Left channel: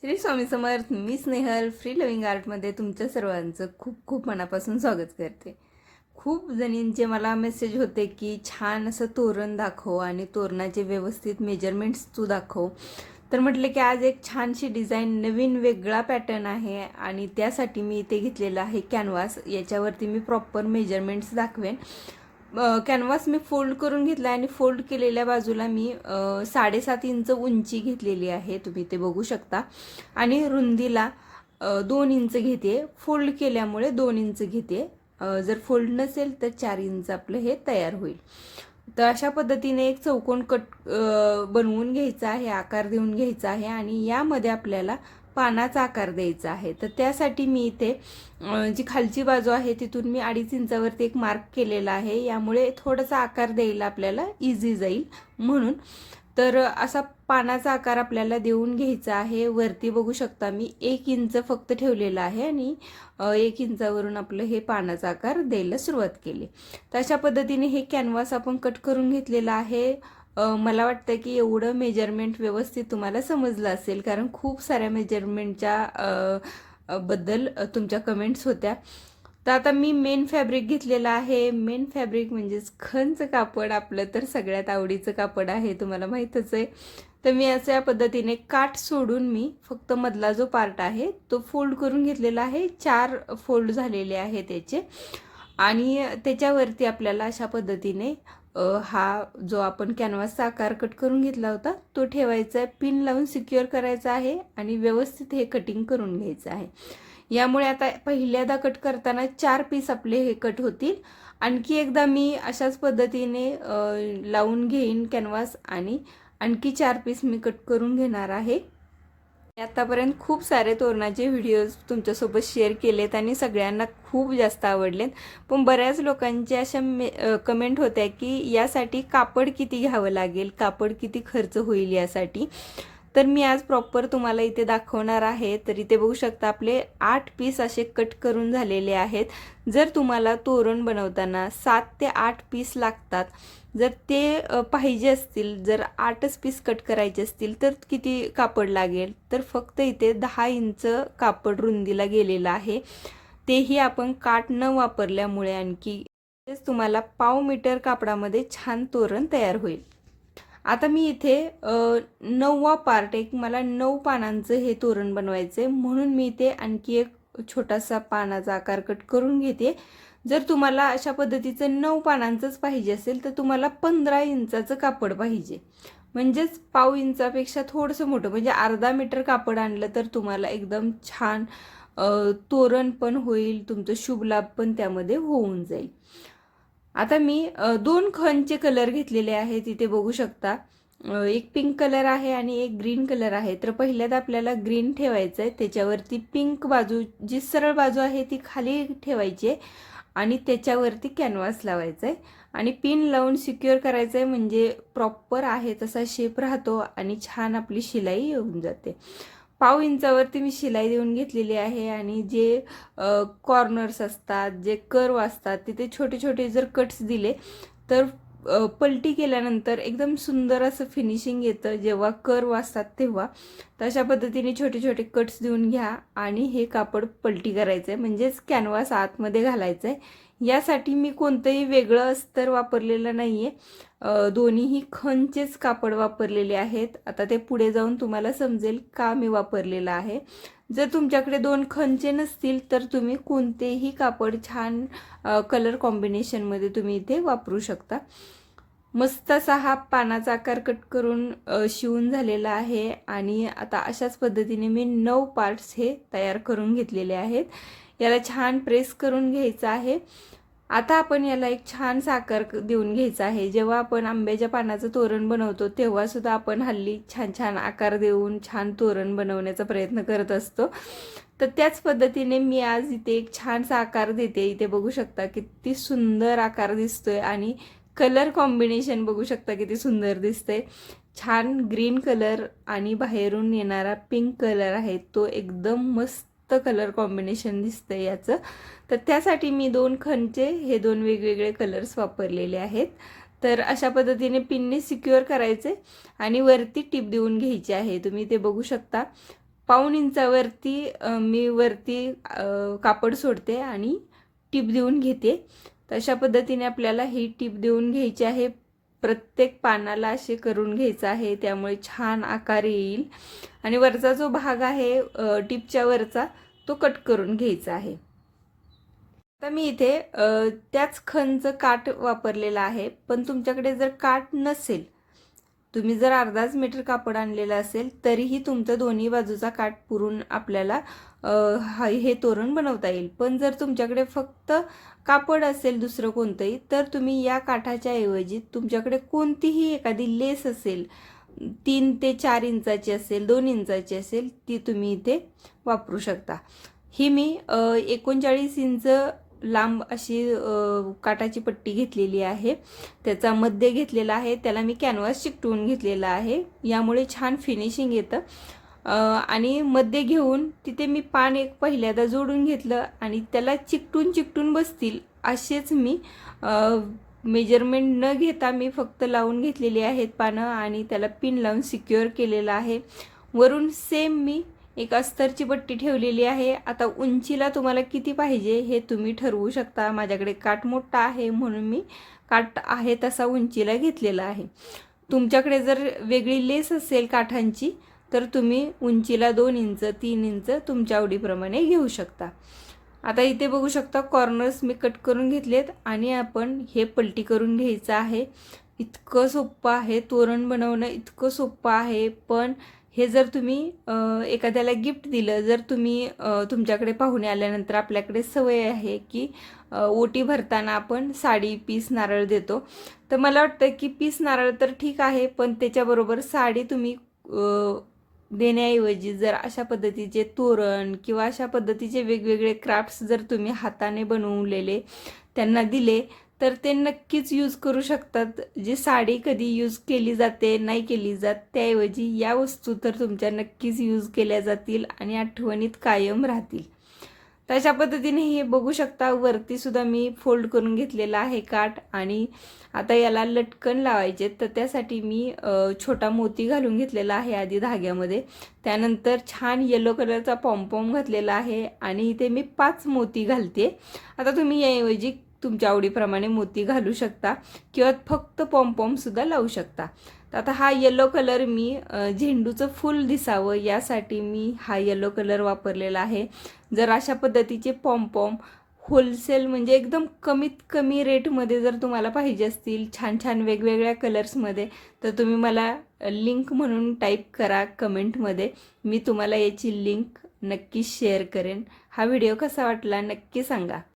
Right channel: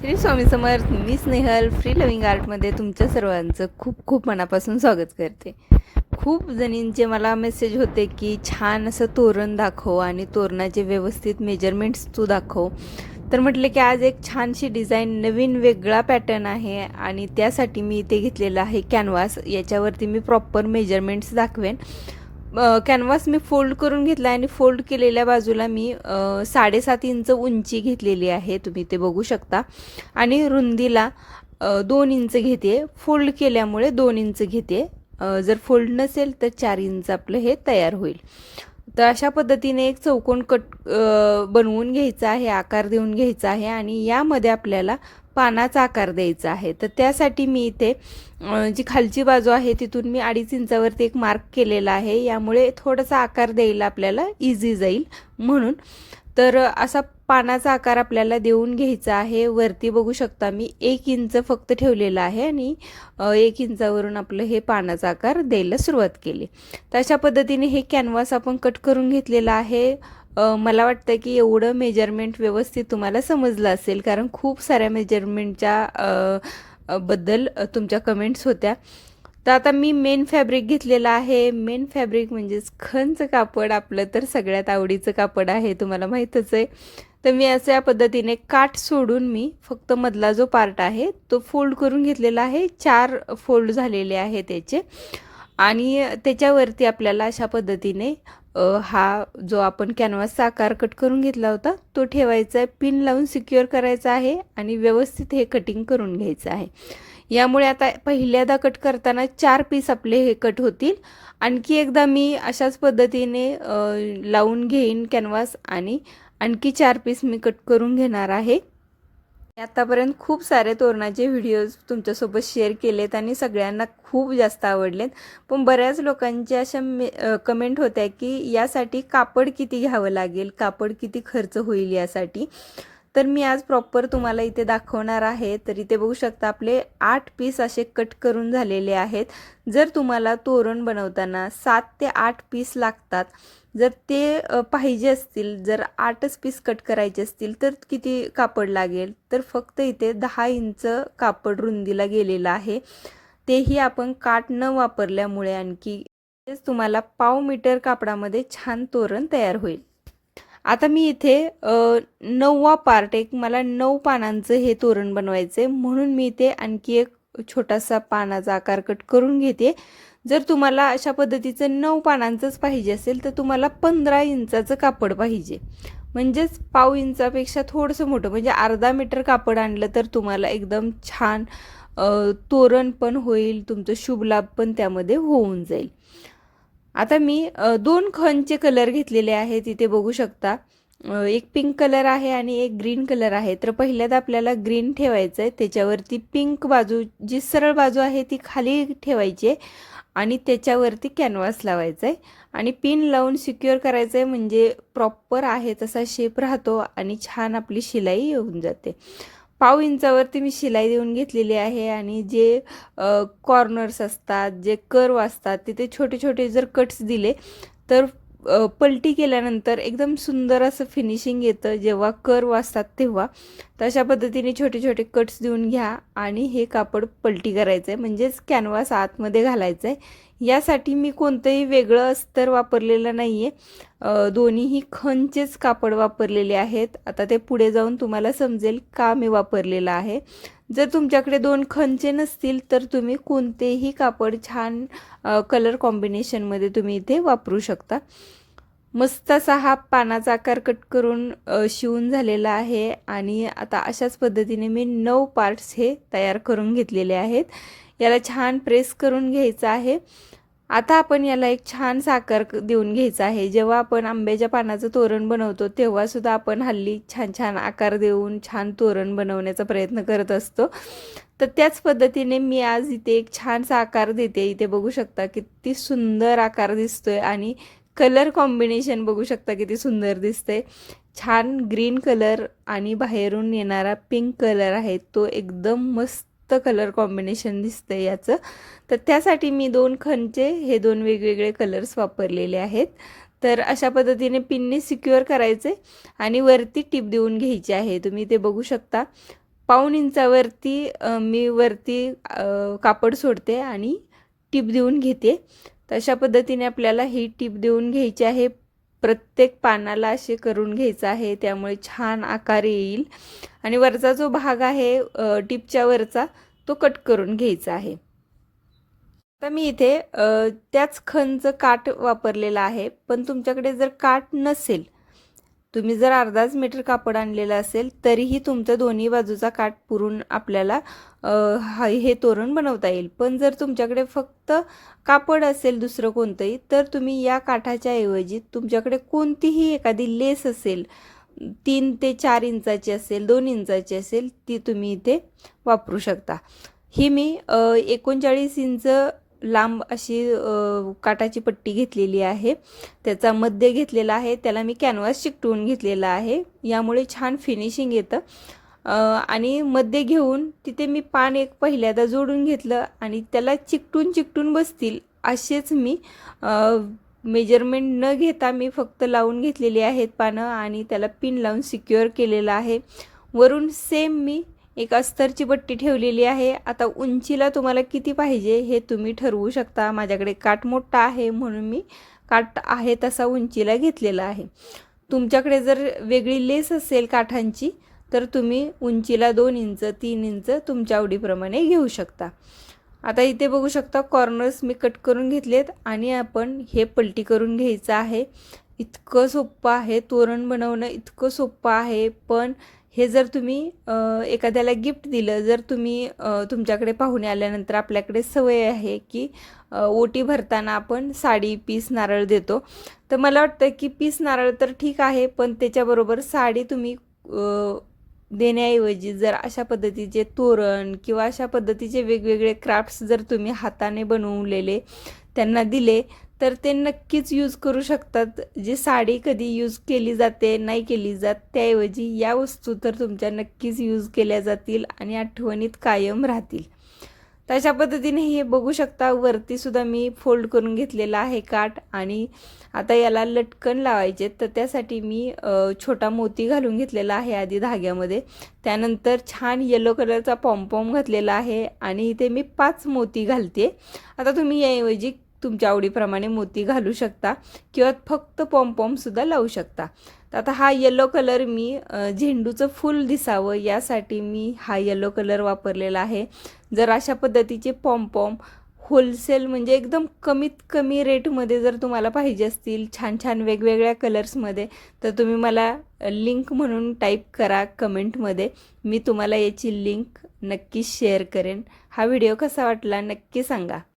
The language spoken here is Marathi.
श्री स्वामी समर्थ. मी स्नेहल फ्री लिव्हिंग आर्टमध्ये तुमच्या सर्वांचं खूप खूप मनापासून स्वागत करते. खूप जणींचे मला मेसेज होते की छान असं तोरण दाखव आणि तोरणाचे व्यवस्थित मेजरमेंट्स तू दाखव. तर म्हटलं की आज एक छानशी डिझाईन, नवीन वेगळा पॅटर्न आहे आणि त्यासाठी मी इथे घेतलेला आहे कॅनव्हास. याच्यावरती मी प्रॉपर मेजरमेंट्स दाखवेन. कॅनव्हास मी फोल्ड करून घेतला आणि फोल्ड केलेल्या बाजूला मी 7.5 इंच उंची घेतलेली आहे, तुम्ही ते बघू शकता. आणि रुंदीला 2 इंच घेते. फोल्ड केल्यामुळे 2 इंच घेते. जर फोल्ड नसेल तर 4 इंच आपलं हे तयार होईल. तर अशा पद्धतीने एक चौकोन बनवून घ्यायचा आहे, आकार देऊन घ्यायचा आहे आणि यामध्ये आपल्याला पानाचा आकार द्यायचा आहे. तर त्यासाठी मी इथे जी खालची बाजू आहे तिथून मी 2.5 इंचावरती एक मार्क केलेला आहे. यामुळे थोडासा आकार द्यायला आपल्याला इझी जाईल म्हणून. तर असा पानाचा आकार आपल्याला देऊन घ्यायचा आहे. वरती बघू शकता मी 1 इंच फक्त ठेवलेला आहे आणि 1 इंचावरून आपलं हे पानाचा आकार द्यायला सुरुवात केली. तर अशा पद्धतीने हे कॅनव्हास आपण कट करून घेतलेला आहे. मला वाटतं की एवढं मेजरमेंट व्यवस्थित तुम्हाला समजलं असेल, कारण खूप साऱ्या मेजरमेंटच्या बद्दल तुमच्या कमेंट्स होत्या. तर आता मी मेन फॅब्रिक घेतलेलं आहे. मेन फॅब्रिक म्हणजेच खणचं कापड, आपलं तर सगळ्यात आवडीचं कापड आहे, तुम्हाला माहीतच आहे. तर मी असं या पद्धतीने काठ सोडून मी फक्त मधला जो पार्ट आहे तो फोल्ड करून घेतलेला आहे. 4 फोल्ड झालेले आहे त्याचे. आणि त्याच्यावरती आपल्याला अशा पद्धतीने हा जो आपण कॅनव्हासचा आकार कट करून घेतला होता तो ठेवायचा आहे. पिन लावून सिक्युअर करायचा आहे आणि व्यवस्थित हे कटिंग करून घ्यायचं आहे. यामुळे आता पहिल्यांदा कट करताना 4 पीस आपले हे कट होतील. आणखी एकदा मी अशाच पद्धतीने लावून घेईन कॅनव्हास आणि आणखी 4 पीस मी कट करून घेणार आहे. आतापर्यंत खूप सारे तोरणाचे व्हिडिओज तुमच्यासोबत शेअर केलेत आणि सगळ्यांना खूप जास्त आवडलेत. पण बऱ्याच लोकांच्या अशा कमेंट होत्या की यासाठी कापड किती घ्यावं लागेल, कापड किती खर्च होईल यासाठी. तर मी आज प्रॉपर तुम्हाला इथे दाखवणार आहे. तर इथे बघू शकता आपले 8 पीस असे कट करून झालेले आहेत. जर तुम्हाला तोरण बनवताना 7 ते 8 पीस लागतात, जर ते पाहिजे असतील, जर 8च पीस कट करायचे असतील तर किती कापड लागेल, तर फक्त इथे 10 इंच कापड रुंदीला गेलेलं आहे. तेही आपण काठ न वापरल्यामुळे आणखी तुम्हाला पाव मीटर कापडामध्ये छान तोरण तयार होईल. आता मी इथे 9वा पार्ट, एक मला 9 पानांचं हे तोरण बनवायचं आहे म्हणून मी इथे आणखी एक छोटासा पानाचा आकार कट करून घेते. जर तुम्हाला अशा पद्धतीचं 9 पानांचंच पाहिजे असेल तर तुम्हाला 15 इंचाचं कापड पाहिजे. म्हणजेच पाव इंचापेक्षा थोडंसं मोठं, म्हणजे अर्धा मीटर कापड आणलं तर तुम्हाला एकदम छान तोरण पण होईल, तुमचं शुभ लाभ पण त्यामध्ये होऊन जाईल. आता मी 2 खणचे कलर घेतलेले आहेत, इथे बघू शकता. एक पिंक कलर आहे आणि एक ग्रीन कलर आहे. तर पहिल्यांदा आपल्याला ग्रीन ठेवायचं आहे, त्याच्यावरती पिंक बाजू, जी सरळ बाजू आहे ती खाली ठेवायची आहे आणि त्याच्यावरती कॅनव्हास लावायचा आहे आणि पिन लावून सिक्युअर करायचं आहे. म्हणजे प्रॉपर आहे तसा शेप राहतो आणि छान आपली शिलाई येऊन जाते. पाव इंचावरती मी शिलाई देऊन घेतलेली आहे आणि जे कॉर्नर्स असतात, जे कर्व असतात, तिथे छोटे छोटे जर कट्स दिले तर पलटी केल्यानंतर एकदम सुंदर असं फिनिशिंग येतं जेव्हा कर्व असतात तेव्हा. तर अशा पद्धतीने छोटे छोटे कट्स देऊन घ्या आणि हे कापड पलटी करायचं आहे, म्हणजेच कॅनव्हास आतमध्ये घालायचं आहे. यासाठी मी कोणतंही वेगळं अस्तर वापरलेलं नाही आहे, दोन्हीही खणचेच कापड वापरलेले आहेत. आता ते पुढे जाऊन तुम्हाला समजेल का मी वापरलेलं आहे. जर तुमच्याकडे 2 खणचे नसतील तर तुम्ही कोणतेही कापड छान कलर कॉम्बिनेशनमध्ये तुम्ही इथे वापरू शकता. मस्त असा हा पानाचा आकार कट करून शिवून झालेला आहे आणि आता अशाच पद्धतीने मी 9 पार्ट्स हे तयार करून घेतलेले आहेत. याला छान प्रेस करून घ्यायचं आहे. आता आपण याला एक छान आकार देऊन घ्यायचा आहे. जेव्हा आपण आंब्याच्या पानाचं तोरण बनवतो तेव्हा सुद्धा आपण हल्ली छान छान आकार देऊन छान तोरण बनवण्याचा प्रयत्न करत असतो. तर त्याच पद्धतीने मी आज इथे एक छानसा आकार देते. इथे बघू शकता किती सुंदर आकार दिसतोय आणि कलर कॉम्बिनेशन बघू शकता किती सुंदर दिसतंय. छान ग्रीन कलर आणि बाहेरून येणारा पिंक कलर आहे, तो एकदम मस्त कलर कॉम्बिनेशन दिसतंय याचं. तर त्यासाठी मी 2 खणचे हे 2 वेगवेगळे कलर्स वापरलेले आहेत. तर अशा पद्धतीने पिनने सिक्युअर करायचे आणि वरती टिप देऊन घ्यायची आहे. तुम्ही ते बघू शकता. पाऊण इंचावरती मी वरती कापड सोडते आणि टीप देऊन घेते. तशा पद्धतीने आपल्याला ही टीप देऊन घ्यायची आहे. प्रत्येक पानाला असे करून घ्यायचं आहे, त्यामुळे छान आकार येईल. आणि वरचा जो भाग आहे टीपच्या वरचा तो कट करून घ्यायचा आहे. आता मी इथे त्याच खणचं काठ वापरलेला आहे. पण तुमच्याकडे जर काठ नसेल, तुम्ही जर अर्धाच मीटर कापड आणलेलं असेल, तरीही तुमचं दोन्ही बाजूचा काठ पुरून आपल्याला हे तोरण बनवता येईल. पण जर तुमच्याकडे फक्त कापड असेल दुसरं कोणतंही, तर तुम्ही या काठाच्या ऐवजी तुमच्याकडे कोणतीही एखादी लेस असेल, 3 ते 4 इंचाची असेल, 2 इंचाची असेल, ती तुम्ही इथे वापरू शकता. ही मी 39 इंच लांब अशी काठाची पट्टी घेतलेली आहे. त्याचा मध्य घेतलेला आहे, त्याला मी कॅनव्हास चिकटवून घेतलेला आहे. यामुळे छान फिनिशिंग येतं. आणि मध्य घेऊन तिथे मी पान एक पहिल्यांदा जोडून घेतलं आणि त्याला चिकटून बसतील असेच मी मेजरमेंट न घेता मी फक्त लावून घेतलेली आहेत पानं आणि त्याला पिन लावून सिक्युअर केलेलं आहे. वरून सेम मी एक अस्तरची पट्टी ठेवलेली आहे. आता उंचीला तुम्हाला किती पाहिजे हे तुम्ही ठरवू शकता. माझ्याकडे काठ मोठा आहे म्हणून मी काठ आहे तसा उंचीला घेतलेला आहे. तुमच्याकडे जर वेगळी लेस असेल काठांची, तर तुम्ही उंचीला 2 इंच 3 इंच तुमच्या आवडीप्रमाणे घेऊ शकता. आता इथे बघू शकता कॉर्नर्स मी कट करून घेतलेत आणि आपण हे पलटी करून घ्यायचं आहे. इतकं सोपं आहे तोरण बनवणं, इतकं सोपं आहे. पण हे जर तुम्ही एखाद्याला गिफ्ट दिलं, जर तुम्ही तुमच्याकडे पाहुणे आल्यानंतर आपल्याकडे सवय आहे की ओटी भरताना आपण साडी, पीस, नारळ देतो. तर मला वाटतं की पीस नारळ तर ठीक आहे, पण त्याच्याबरोबर साडी तुम्ही देण्याऐवजी जर अशा पद्धतीचे तोरण किंवा अशा पद्धतीचे वेगवेगळे क्राफ्ट्स जर तुम्ही हाताने बनवलेले त्यांना दिले, तर ते नक्कीच यूज करू शकतात. जी साडी कधी यूज केली जाते नाही केली जात, त्याऐवजी या वस्तू तर तुमच्या नक्कीच यूज केल्या जातील आणि आठवणीत कायम राहतील. तशा पद्धतीने हे बघू शकता वरती सुद्धा मी फोल्ड करून घेतलेला आहे काठ. आणि आता याला लटकन लावायचे, तर त्यासाठी मी छोटा मोती घालून घेतलेला आहे आधी धाग्यामध्ये. त्यानंतर छान येलो कलरचा पॉम्पॉम घातलेला आहे आणि इथे मी 5 मोती घालते. आता तुम्ही याऐवजी तुमच्या आवडीप्रमाणे मोती घालू शकता किंवा फक्त पॉम्पॉमसुद्धा लावू शकता. आता हा येलो कलर मी झेंडूचं फूल दिसावं यासाठी मी हा येलो कलर वापरलेला आहे. जर अशा पद्धतीचे पॉम्पॉम होलसेल म्हणजे एकदम कमीत कमी रेटमध्ये जर तुम्हाला पाहिजे असतील छान छान वेगवेगळ्या कलर्समध्ये, तर तुम्ही मला लिंक म्हणून टाईप करा कमेंटमध्ये. मी तुम्हाला याची लिंक नक्की शेअर करेन. हा व्हिडिओ कसा वाटला नक्की सांगा.